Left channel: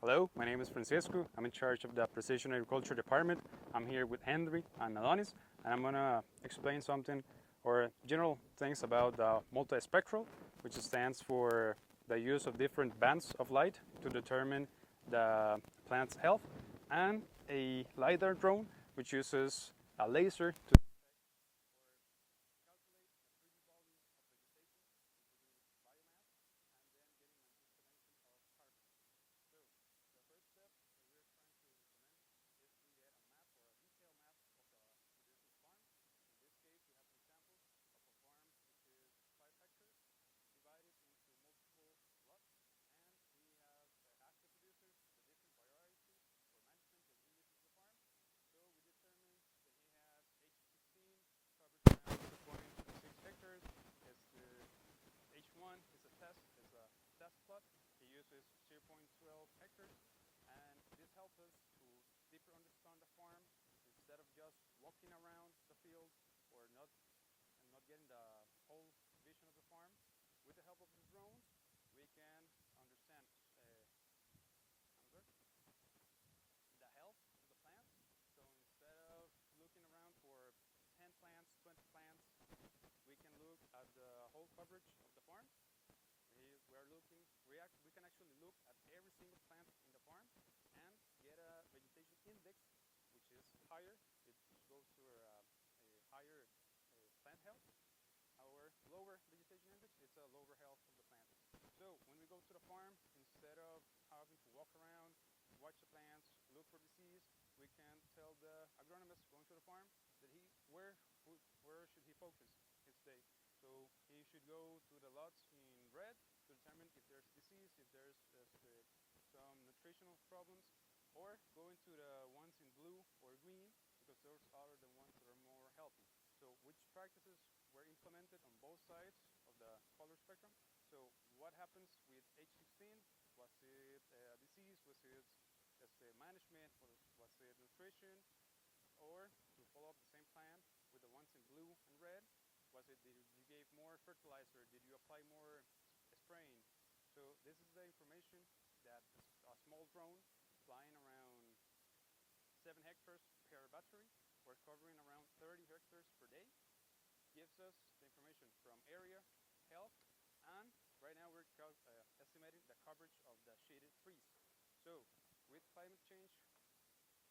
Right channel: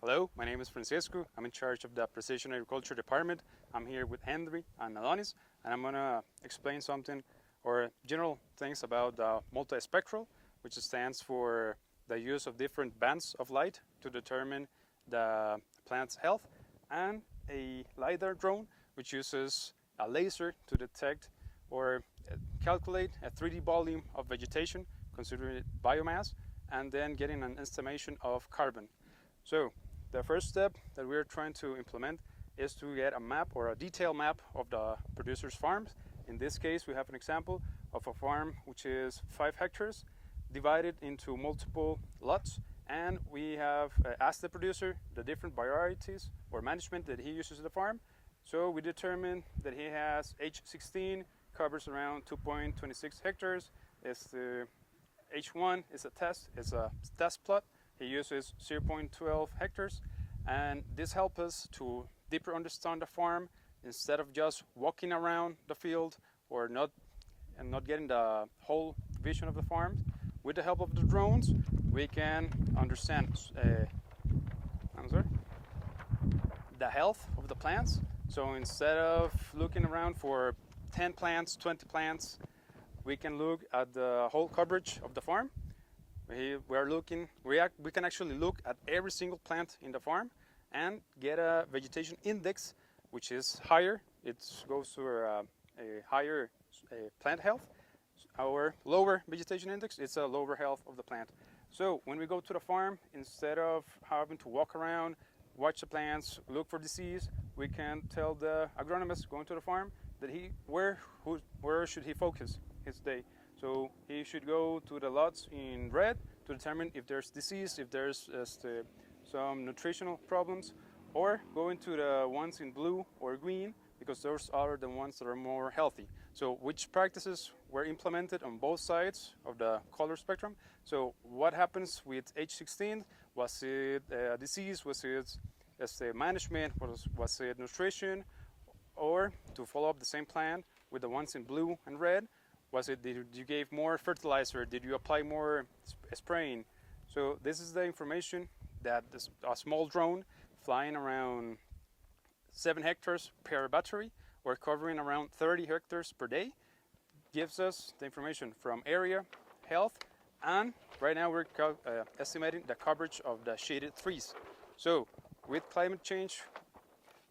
Hello, my name is Francisco. I'm in charge of the Precision Agriculture Department. I'm here with Henry and Adonis, and I'm gonna explain something or general things about the multispectral, which stands for the use of different bands of light to determine the plant's health, and a LiDAR drone, which uses a laser to detect or calculate a 3D volume of vegetation, considering biomass, and then getting an estimation of carbon. So the first step that we're trying to implement is to get a map or a detailed map of the producer's farms. In this case, we have an example of a farm which is 5 hectares divided into multiple lots, and we have asked the producer the different varieties or management that he uses in the farm. So we determined that he has H16, covers around 2.26 hectares. The H1 is a test plot. He uses 0.12 hectares, and this helps us to deeper understand the farm instead of just walking around the field or not getting the whole vision of the farm. With the help of the drones, we can understand the health of the plants. So instead of looking around for 10 plants, 20 plants, we can look at the whole coverage of the farm. We can actually look at every single plant in the farm and get a vegetation index which is higher. It goes to a higher plant health. Our lower vegetation index, it's a lower health of the plant. So when we go to the farm, instead of having to walk around, watch the plants, look for disease, we can tell the agronomist going to the farm that where should he focus his day. So he should go to the lots in red to determine if there's disease, if there's some nutritional problems, or go into the ones in blue or green, because those are the ones that are more healthy. So which practices were implemented on both sides of the color spectrum? So what happens with H16? Was it a disease? Was it management? Was it nutrition? Or to follow up the same plan with the ones in blue and red, was it did you give more fertilizer? Did you apply more spraying? So this is the information that a small drone flying around 7 hectares per battery or covering around 30 hectares per day gives us the information from area, health, and right now we're estimating the coverage of the shaded trees. So with climate change,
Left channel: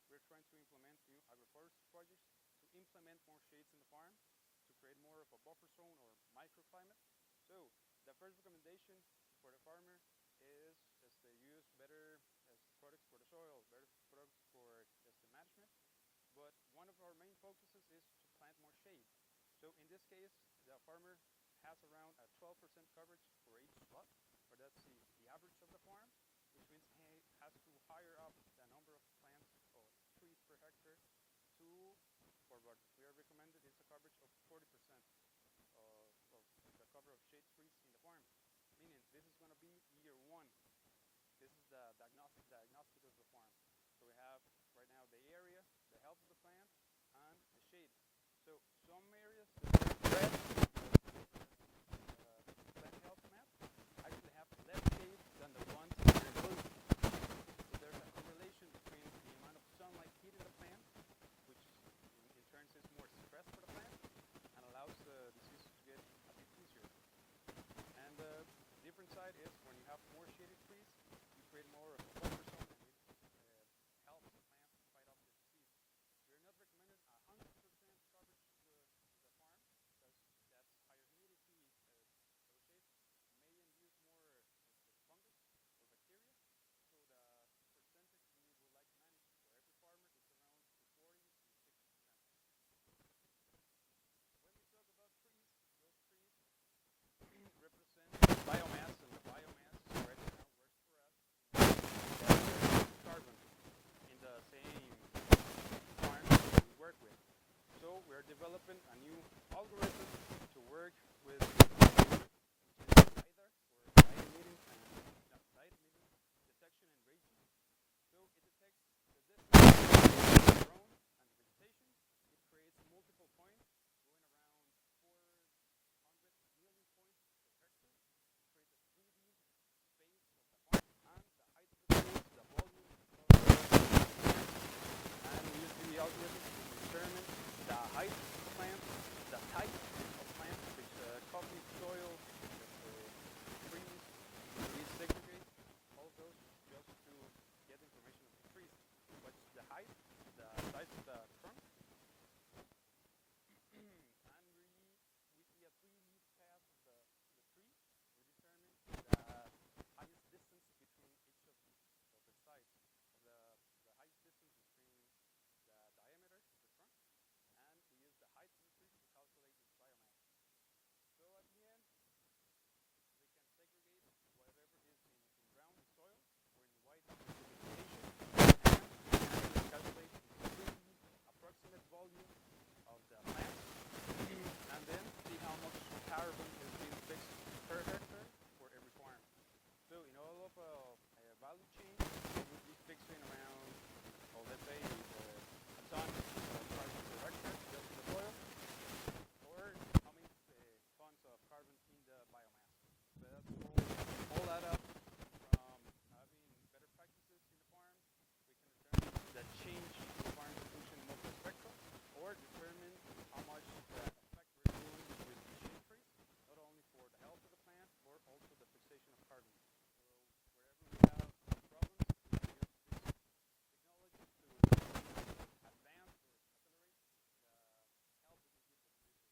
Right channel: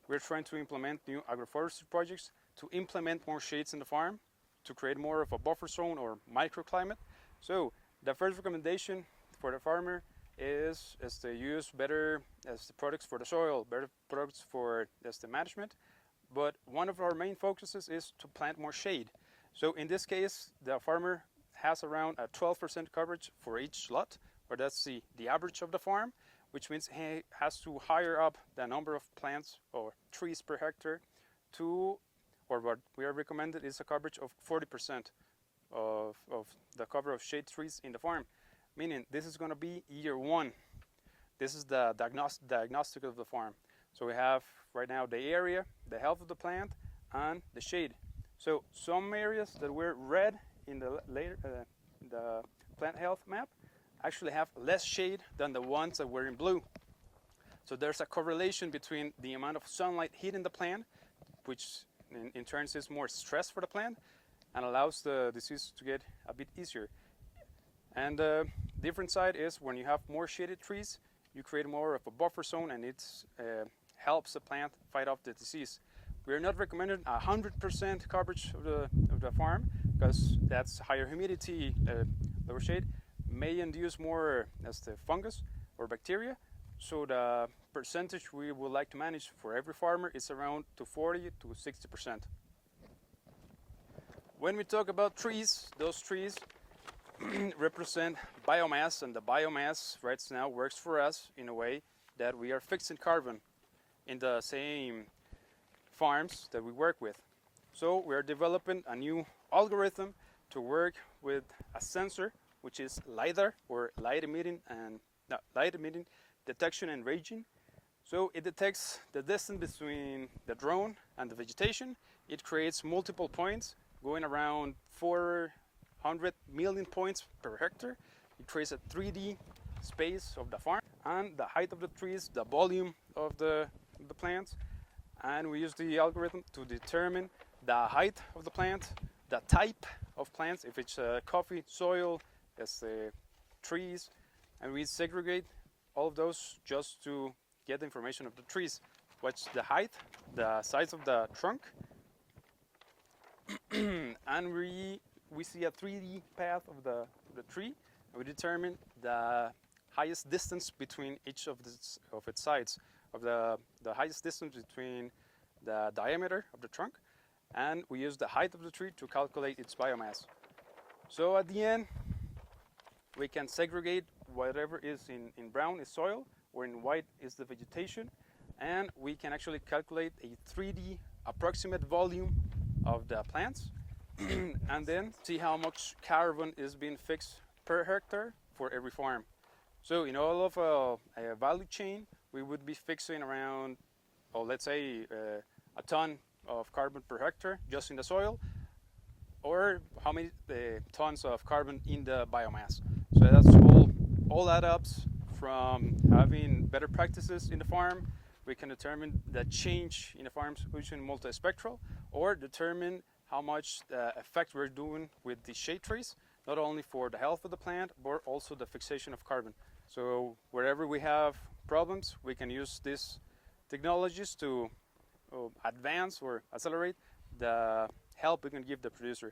we're trying to implement new agroforestry projects to implement more shades in the farm, to create more of a buffer zone or microclimate. So the first recommendation for the farmer is to use better products for the soil, better products for the management. But one of our main focuses is to plant more shade. So in this case, the farmer has around a 12% coverage for each lot, or that's the average of the farm, which means he has to hire up the number of plants or trees per hectare to, or what we are recommended is a coverage of 40% of the cover of shade trees in the farm, meaning this is going to be year 1. This is the diagnostic of the farm. So we have right now the area, the health of the plant, and the shade. So some areas that were red in the plant health map actually have less shade than the ones that were in blue. So there's a correlation between the amount of sunlight hitting the plant, which in turn is more stress for the plant and allows the disease to get a bit easier. And the different side is when you have more shaded trees, you create more of a buffer zone, and it helps the plant fight off the disease. We're not recommending 100% coverage of the farm, because that's higher humidity, lower shade may induce more the fungus or bacteria. So the percentage we would like to manage for every farmer is around to 40 to 60%. When we talk about trees, those trees represent biomass, and the biomass right now works for us in a way that we are fixing carbon in the same farms that we work with. So we are developing a new algorithm to work with a sensor, which is LiDAR, or light emitting detection and ranging. So it detects the distance between the drone and the vegetation. It creates multiple points going around 400 million points per hectare. It creates a 3D space of the farm, and the height of the trees, the volume of the plant. And we use the algorithm to determine the height of the plant, the type of plants, if it's coffee, soil, it's trees, and we segregate all of those just to get the information of the trees. What's the height, the size of the trunk, and we see a 3D path of the tree, and we determine the highest distance between each of its sides, of the highest distance between the diameter of the trunk, and we use the height of the tree to calculate its biomass. So at the end, we can segregate whatever is in brown is soil, or in white is the vegetation, and we can actually calculate a 3D approximate volume of the plants, and then see how much carbon is being fixed per hectare for every farm. So in all of a value chain, we would be fixing around, or let's say, a ton of carbon per hectare just in the soil, or how many tons of carbon in the biomass. So that's all add up from having better practices in the farm. We can determine the change in the farm's solution multispectral, or determine how much effect we're doing with the shade trees, not only for the health of the plant, but also the fixation of carbon. So wherever we have problems, we can use these technologies to advance or accelerate the help we can give the producer.